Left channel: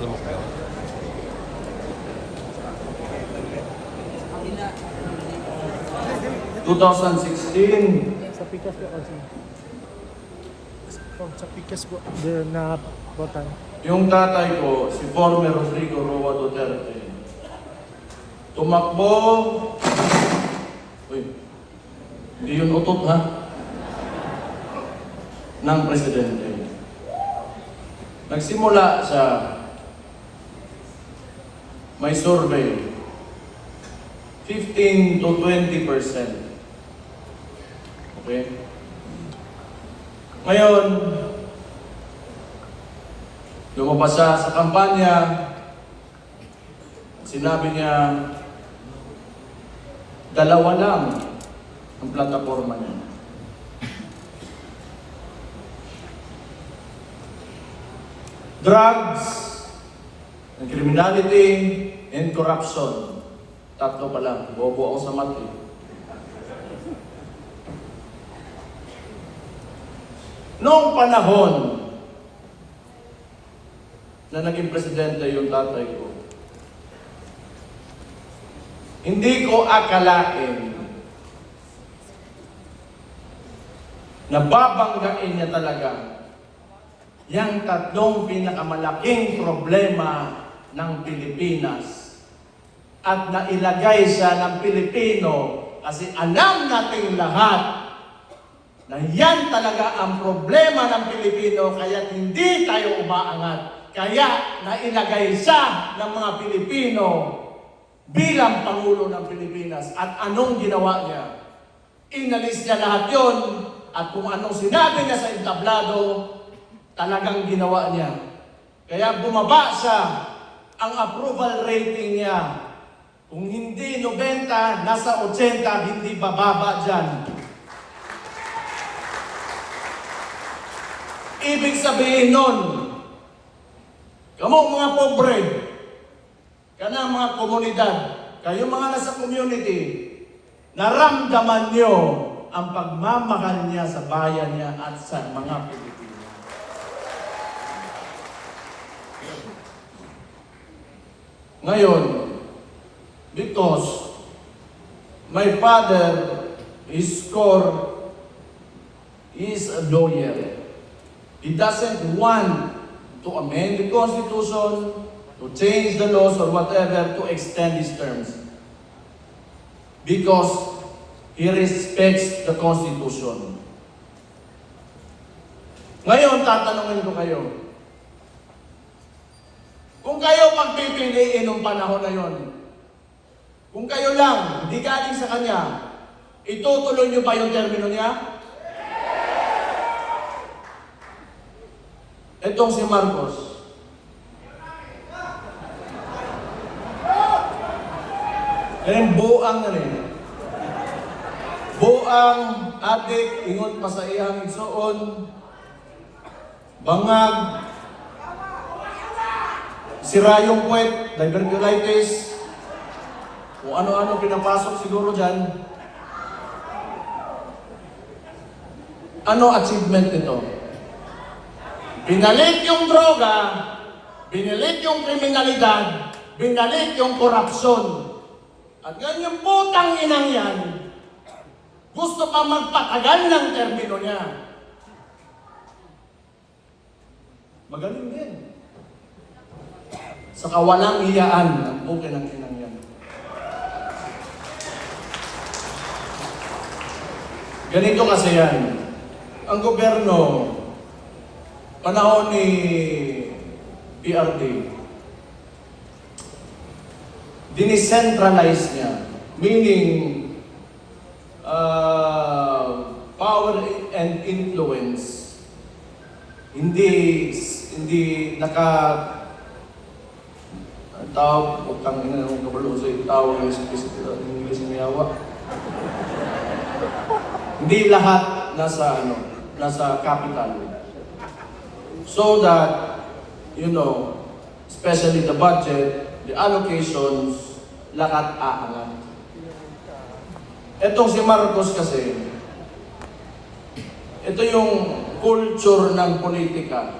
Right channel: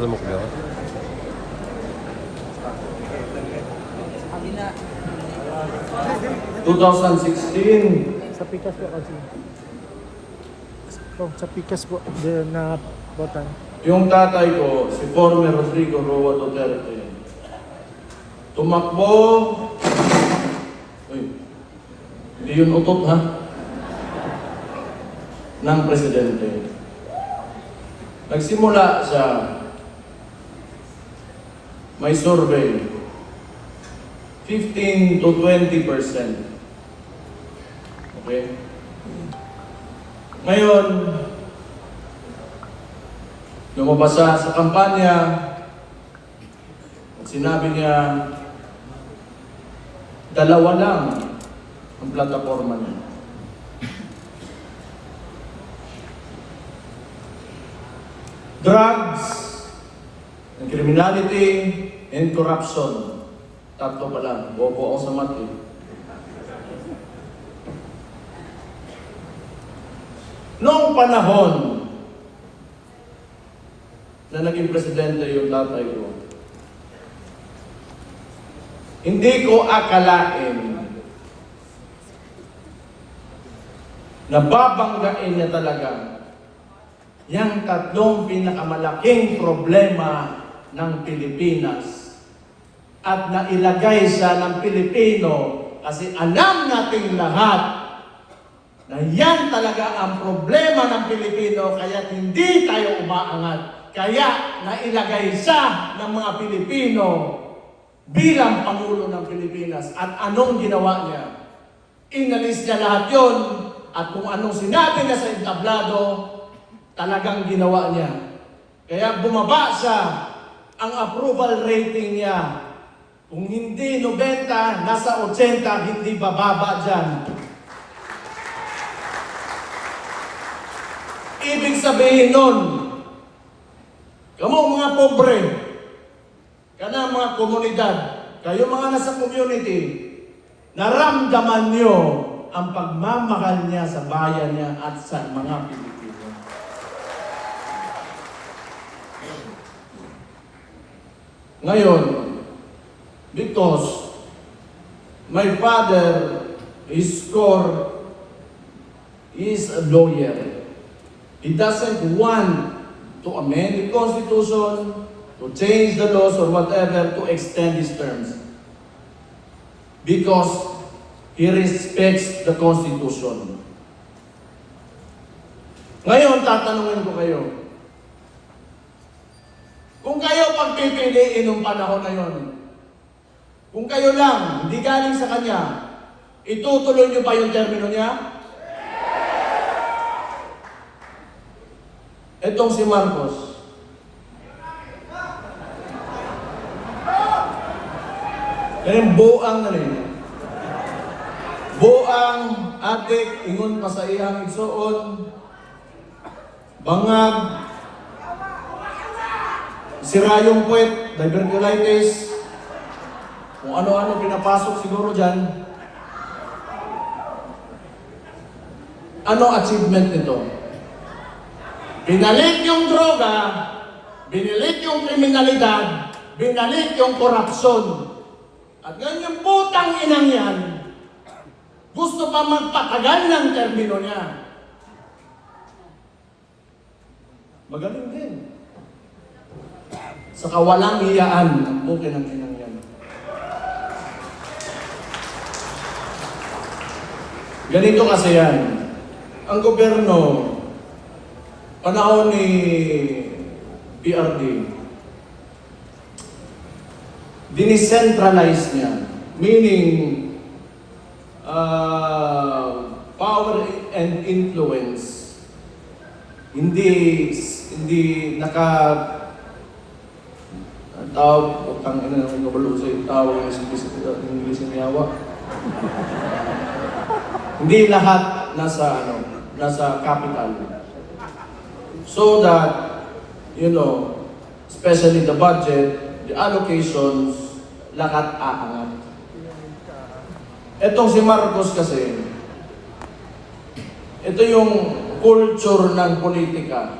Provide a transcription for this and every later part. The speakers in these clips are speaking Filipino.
Alam mo kaya? Kabila. 2016, Sa Pikas po kasi. Oh, sa Pikas po, na botan. yung tatay ko, si former Rodrigo Roa Duterte, tumakbo, hindi yun utot ha, ng presidente. Nagsimula siya, may survey, 15 to 20%. Okay? Ngayon, lumabas siya sa kampanya, sinabi niya, dalawa lang ang plataforma niya. Drugs, criminality, and corruption. Tatlo pala, bobo ako sa mati. Noong panahon na naging presidente yung tatay ko, hindi ko akalain na babanggain niya talaga yung tatlong pinakamalaking problema ng Pilipinas at nailagay siya ng Pilipino kasi alam nating lahat na yan talaga ang problema ng Pilipino kaya hindi tayo umaangat. Kaya nailagay siya ng mga Pilipino bilang Pangulo ng Pilipinas. At anong ginawa niya? Inalis niya lahat yun at kung anong sinabi niya sa entablado, talagang ginawa niya. Kaya bumaba siya, ang approval rating niya. Kung hindi 90, nasa 80, hindi bababa dyan. Ibig sabihin nun, kamu mga pobre, kana mga komunidad, kayo mga nasa community, naramdaman nyo ang pagmamahal niya sa bayan niya at sa mga Pilipino. Ngayon, because my father is a lawyer, he doesn't want to amend the Constitution, to change the laws or whatever to extend his terms. Because he respects the Constitution. Ngayon, tatanungin ko kayo. Kung kayo pagpipiliin ng panahon na yun, kung kayo lang, hindi galing sa kanya, itutuloy niyo ba yung termino niya? Itong si Marcos. Yan buang na rin. Buang, adik, ingon pa sa iyang igsuon, bangag, sira yung puwet, diverticulitis, kung ano-ano pinapasok siguro dyan. Ano achievement nito? Binalik yung droga, binalik yung kriminalidad, binalik yung korupsyon. At ganyang putang inang yan, gusto pa magpatagal ng termino niya. Magaling din. Sa kawalang iyaan, okay ng inang yan. Ganito kasi yan. Ang gobyerno, panahon ni PRD, dinicentralize niya. Meaning, power and influence. Hindi ang tawag, utang ina ng kabulo sa tawag sa English na yawa. Hindi lahat nasa capital. So that, especially the budget, the allocations, lahat aangat. Etong si Marcos kasi, ito yung culture ng politika.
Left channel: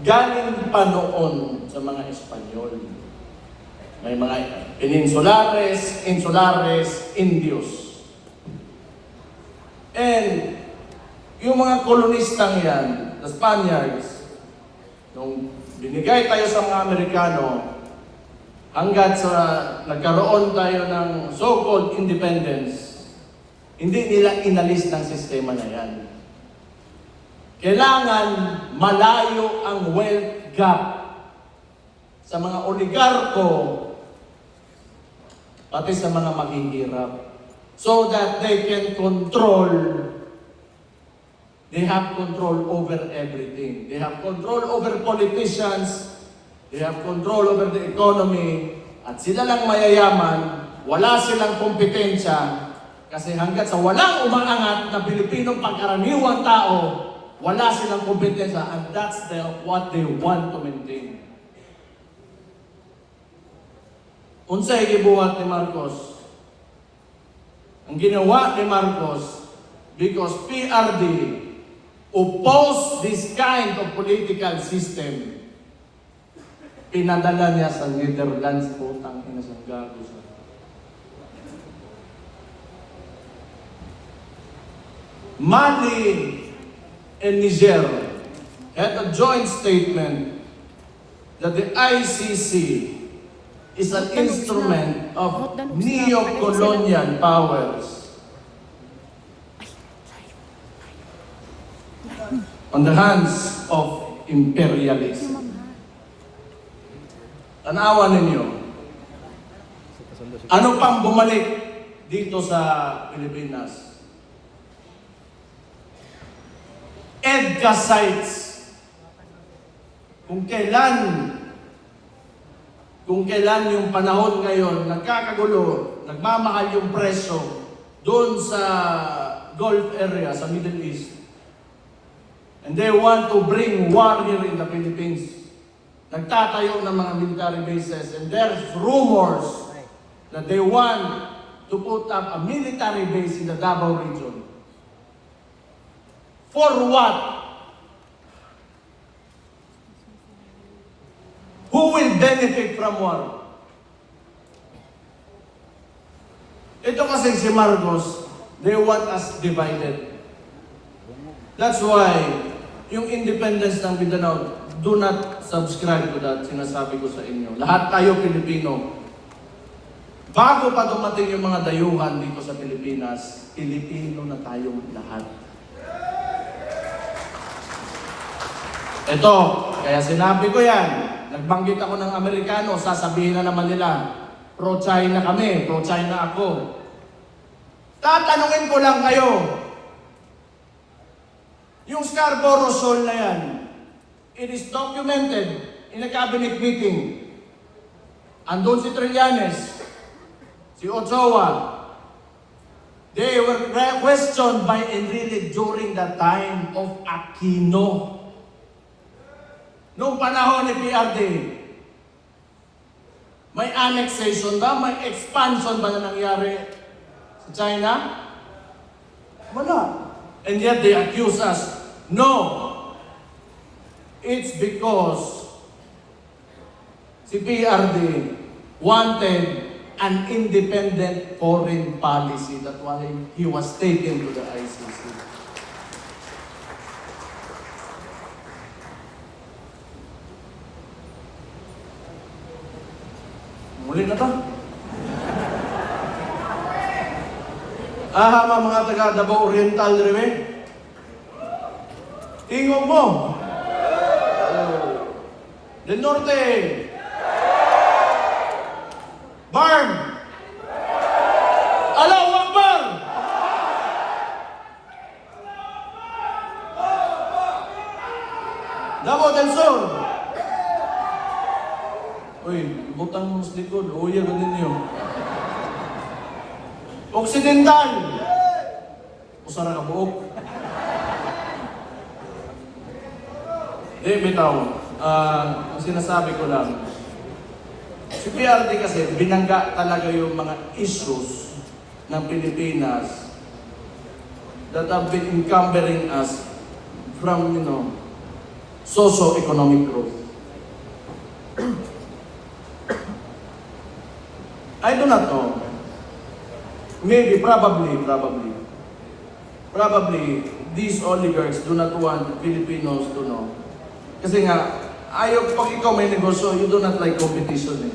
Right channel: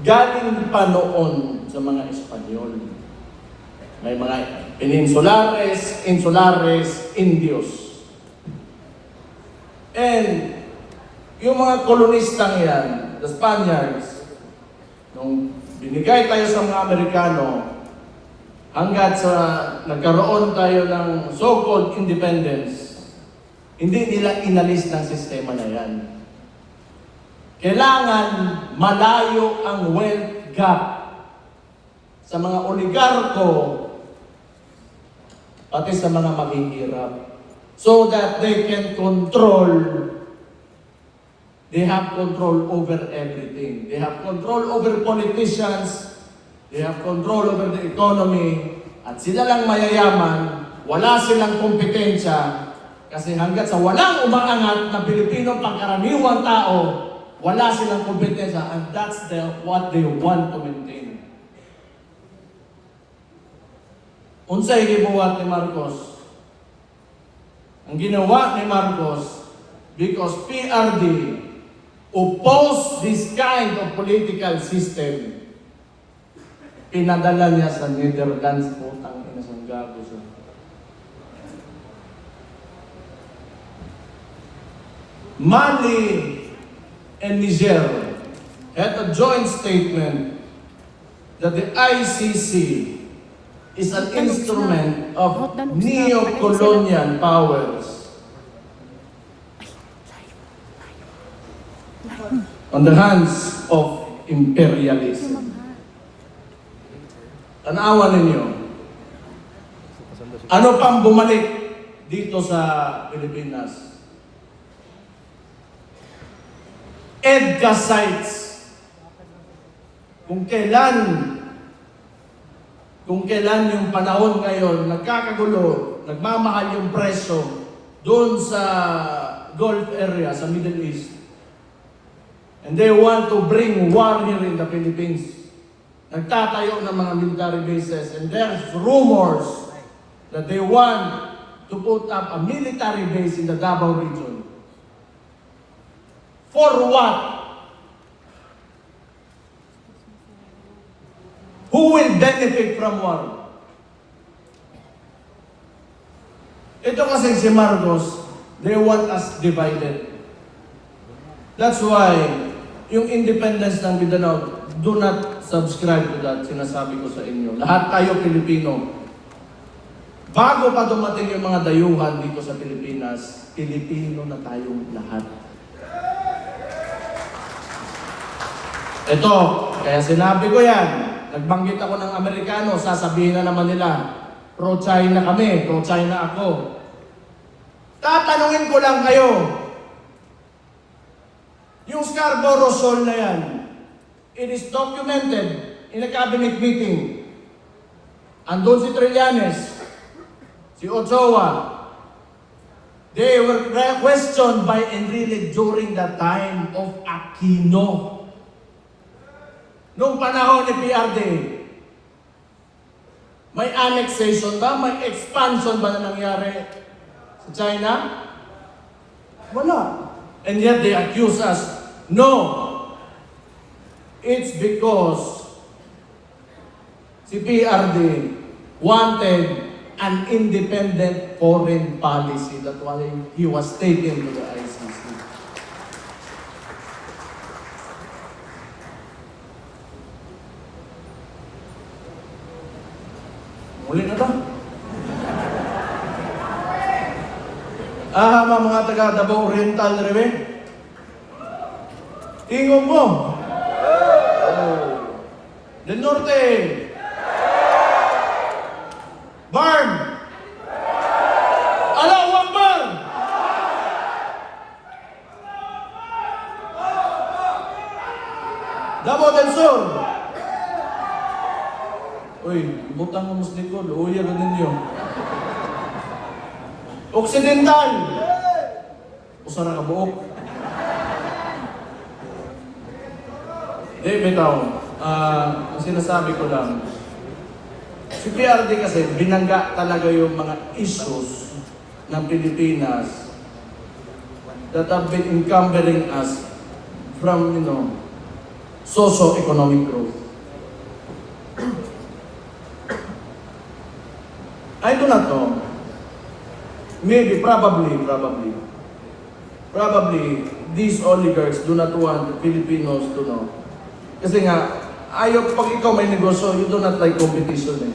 galing pa noon sa mga Espanyol. May mga Peninsulares, Insulares, Indios. And yung mga kolonistang yan, the Spaniards, nung binigay tayo sa mga Amerikano, hanggat sa nagkaroon tayo ng so-called independence, hindi nila inalis ng sistema na yan. Kailangan malayo ang wealth gap sa mga oligarko, pati sa mga mahihirap, so that they can control. They have control over everything. They have control over politicians. They have control over the economy. At sila lang mayayaman, wala silang kompetensya. Kasi hanggat sa walang umaangat na Pilipino pagkaraniwang tao, wala silang kompetensya. And that's what they want to maintain. Unsay gibuhat ni Marcos? Ang ginawa ni Marcos, because PRD oppose this kind of political system, pinadala niya sa Netherlands po ang inasanggago sa Mali and Niger had a joint statement that the ICC is an instrument of neo-colonial powers on the hands of imperialism. Tanawan ninyo, ano pang bumalik dito sa Pilipinas? EDCA sites. Kung kailan yung panahon ngayon, nagkakagulo, nagmamahal yung presyo doon sa Gulf area, sa Middle East. And they want to bring war here in the Philippines. Nagtatayo ng mga military bases. And there's rumors that they want to put up a military base in the Davao region. For what? Who will benefit from war? Ito kasi si Marcos, they want us divided. That's why, yung independence ng Mindanao, do not subscribe to that, sinasabi ko sa inyo. Lahat tayo Pilipino. Bago pa dumating yung mga dayuhan dito sa Pilipinas, Pilipino na tayong lahat. Ito, kaya sinabi ko yan, nagbanggit ako ng Amerikano, sasabihin na naman nila, pro-China kami, pro-China ako. Tatanungin ko lang kayo, yung Scarborough Shoal na yan, it is documented in a cabinet meeting. Andun si Trillanes, si Ochoa. They were questioned by Enrile during the time of Aquino. Noong panahon ni PRD, may annexation ba? May expansion ba na nangyari sa China? Wala. And yet they accuse us. No. It's because si PRD wanted an independent foreign policy. That's why he was taken to the ICC. Muli na to. Mga taga Davao Oriental Reve. Tingog mo. Del Norte. Barn. Allahu Akbar. Davao del Sur. Uy, ibutang mo sa likod. Uya ka ninyo. Occidental. Usa na ka buok. Bitaw. Ang sinasabi ko lang, si PRD kasi binangga talaga yung mga issues ng Pilipinas that have been encumbering us from, socio-economic growth. I do not know. Maybe, probably, these oligarchs do not want the Filipinos to know. Kasi nga, ayaw, pag ikaw may negosyo, you do not like competition eh.